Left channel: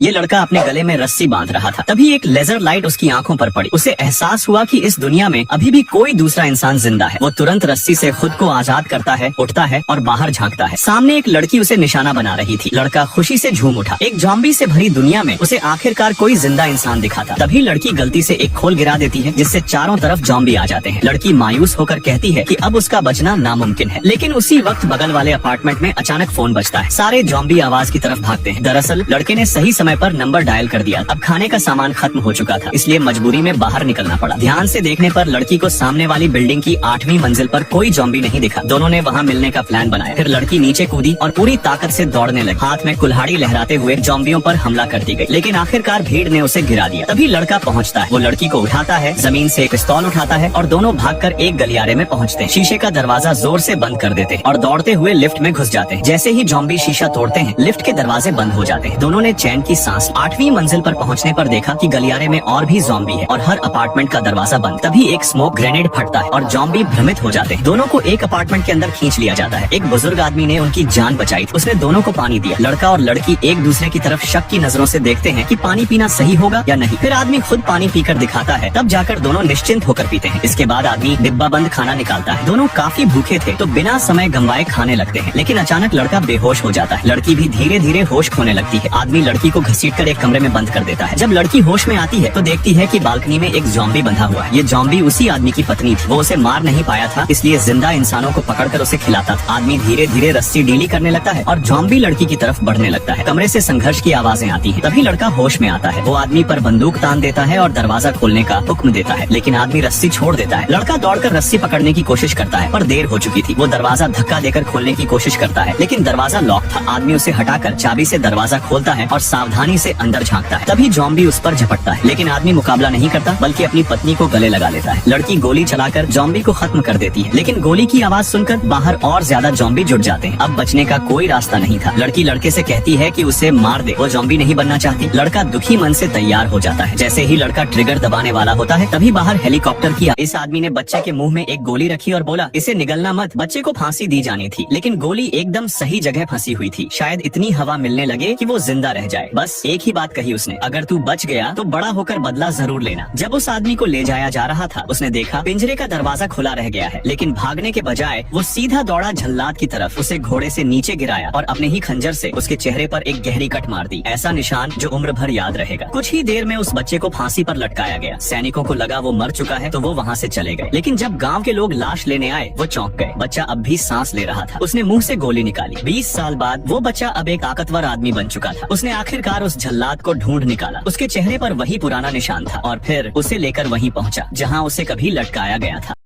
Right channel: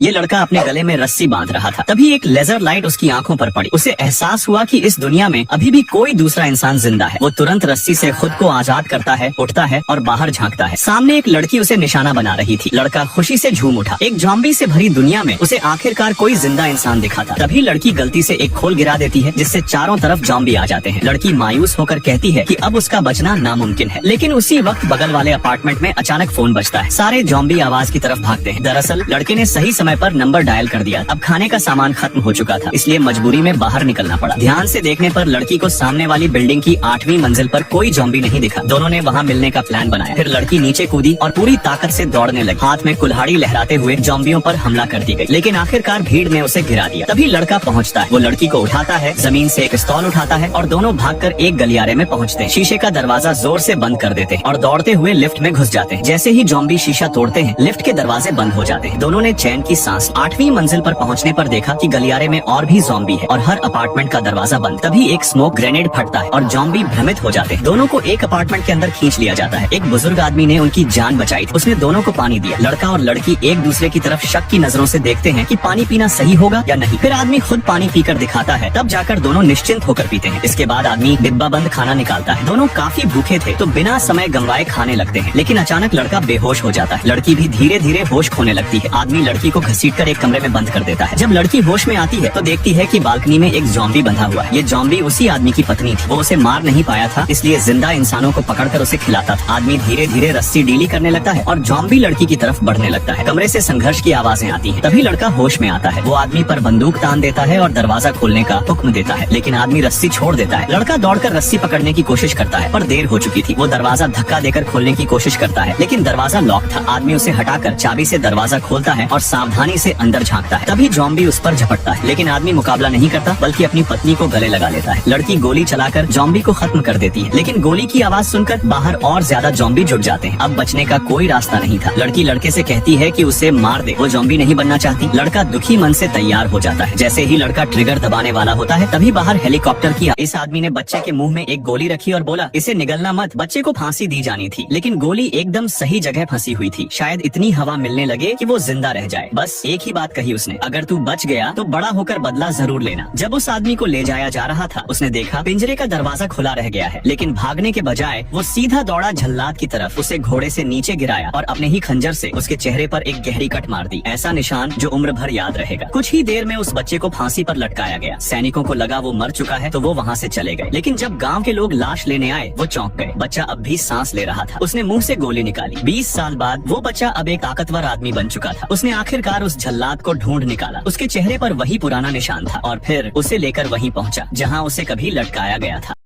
ये लड़का अपने गले में रस्सी बांध रहा था। तभी एक लेजर लाइट उसकी आंखों पर पड़ी। उसे एहसास हुआ कि इस दुनिया में अभी भी कोई दूसरा इंसान जिंदा है। वो तुरंत रस्सी से खुद को आजाद करता है, उठता है और बाहर झांकता है। सामने एक लड़की उसे निशाना बना रही थी। लड़का खुशी से झूम उठा। एक ज़ॉम्बी से भरी दुनिया में उसे आखिरकार कोई जिंदा इंसान दिखा था। तभी लड़की गलती से एक खोल गिरा देती है, जिससे चारों तरफ ज़ॉम्बी आ जाते हैं। लड़की मायूस होकर कहती है कि अब उसका बचना नामुमकिन है। लेकिन उसी वक्त बगल वाले अपार्टमेंट में अचानक फोन बजता है। सारे ज़ॉम्बी आवाज की तरफ भागते हैं। दरअसल लड़के ने सही समय पर नंबर डायल कर दिया। अब खाने का सामान खत्म हो चुका था, इसलिए मजबूरी में बाहर निकलना पड़ा। ध्यान से देखने पर लड़की को सामने वाली बिल्डिंग की 8वीं मंजिल पर कोई ज़ॉम्बी नहीं दिखा। दोनों ने वहाँ मिलने का प्लान बनाया। फिर लड़की नीचे कूदी और पूरी ताकत से दौड़ने लगी। हाथ में कुल्हाड़ी लहराते हुए ज़ॉम्बियों पर हमला करती गई, लेकिन आखिरकार भीड़ ने उसे गिरा दिया। तभी लड़का पहुँचता है। वो लड़की को उठाता है, जमीन से एक पिस्तौल उठाता है और दोनों भागकर एक गलियारे में पहुँचते हैं। शीशे का दरवाजा जोर से बंद कर देते हैं और दौड़ते हुए लिफ्ट में घुस जाते हैं। जैसे ही ज़ॉम्बी शीशा तोड़ते हैं, लिफ्ट के दरवाजे बंद हो जाते हैं। दोनों ने चैन की सांस। 8वीं मंजिल पर पहुंचने पर देखा कि गलियारे में और भी ज़ॉम्बी है और हर अपार्टमेंट का दरवाजा बंद। तभी एक स्मोक ग्रेनेड फटता है और ज़ॉम्बी भ्रमित हो जाते हैं। दोनों को एक अपार्टमेंट के अंदर खींच लिया जाता है। एक बुजुर्ग आदमी ने उनकी जान बचाई थी। उसने दोनों को पानी दिया। लड़का और लड़की एक दूसरे की तरफ शक की नजरों से देखते हैं कि पानी पीना सही होगा या नहीं। फिर आदमी खुद पानी पीकर दिखाता है, तब जाकर दोनों निश्चिंत होकर पीते हैं। इसके बाद आदमी डिब्बा बंद खाना निकालता है। दोनों काफी भूखे थे तो बिना समय गंवाए खाने लगते हैं, लेकिन अचानक लड़का बेहोश हो जाता है। लड़की भी धीरे धीरे होश खोने लगती है। आदमी लड़की को घसीटकर एक कमरे में बंद कर देता है। जब लड़की होश में आती है तो देखती है कि बालकनी में एक ज़ॉम्बी बंधा हुआ है। ये ज़ॉम्बी उसी आदमी की पत्नी थी। वो उसे मार नहीं पाया था, इसलिए जिंदा इंसानों को पकड़कर उसे खिलाता था। आदमी धीरे धीरे रस्सी ढीली करने लगता है और ज़ॉम्बी लड़की की तरफ बढ़ने लगता है। कमरे से संघर्ष की आवाजें आती हैं। तभी लड़का होश में आता है। वो आदमी पर बंदूक तान देता है और दरवाजा खोलने का हुक्म देता है, लेकिन आदमी रस्सी छोड़ देता है। लड़का दौड़कर रस्सी पकड़ने की कोशिश करता है, पर देर हो चुकी थी। वो दरवाजा धक्का देकर खोलने की कोशिश करता है, लेकिन दरवाजा लॉक था। आदमी उसे हटाकर चाबी से दरवाजा खोलता है और सावधानी से अंदर झांकता है। तभी ज़ॉम्बी उस पर झपटता है, लेकिन आदमी मुकाबला नहीं करता, बल्कि अपनी पत्नी को गले लगा लेता है। लड़की गोली चलाकर ज़ॉम्बी को खत्म कर देती है, लेकिन गोली की आवाज सुनकर बाहर और ज्यादा ज़ॉम्बी जुट जाते हैं। अब बचने का कोई रास्ता नहीं था। लड़की लड़के से कहती है कि उसे मार दे, वो ज़ॉम्बी नहीं बनना चाहती। लड़का दुखी मन से तैयार हो जाता है। जैसे ही लड़का ट्रिगर दबाने वाला होता है, तभी बाहर हेलीकॉप्टर की इस आदमी ने बच्चे के मुंह में एक गोली रखी और बोला, इसे निगलना मत। बच्चे को फांसी दी जानी थी, लेकिन गोली एकदम सही जगह फंसी हुई थी। शायद इतनी हवा मिलने लगे कि वो जिंदा रह जाए। बस एक ही बात कही उसने, अगर तू बच गया तो बड़ा होकर बदला जरूर लेना। जब उस आदमी को ले जाया जा रहा था, उसने देखा पिंजरे का दरवाजा खुला रह गया है, लेकिन भागने के बजाय वो सीधा दौड़ा जल्लाद की तरफ। उसे घोड़े से नीचे गिराया और अपने ही खंजर से उसके चेहरे पर एक गहरी कट मार दी। ऐसा निशान जो उम्र भर याद रहेगा। कुछ ही देर में उस बच्चे को फांसी पर लटकाया गया। सैनिकों को लगा वो मर चुका है तो वो वहाँ से चले गए, लेकिन जब गाँव के लोग लाश लेने आए वो चौंक गए। बच्चा अब भी सांस ले रहा था। उसने मुंह से गोली निकाली। 20 साल बाद वो बच्चा अब एक ताकतवर आदमी बन चुका था। उसने आखिरकार उस जल्लाद को ढूंढ निकाला। उसके चेहरे पर वही पुराना निशान था और फिर उसे लेकर वहीं पहुंचा जहां उसे कभी लटकाया गया था।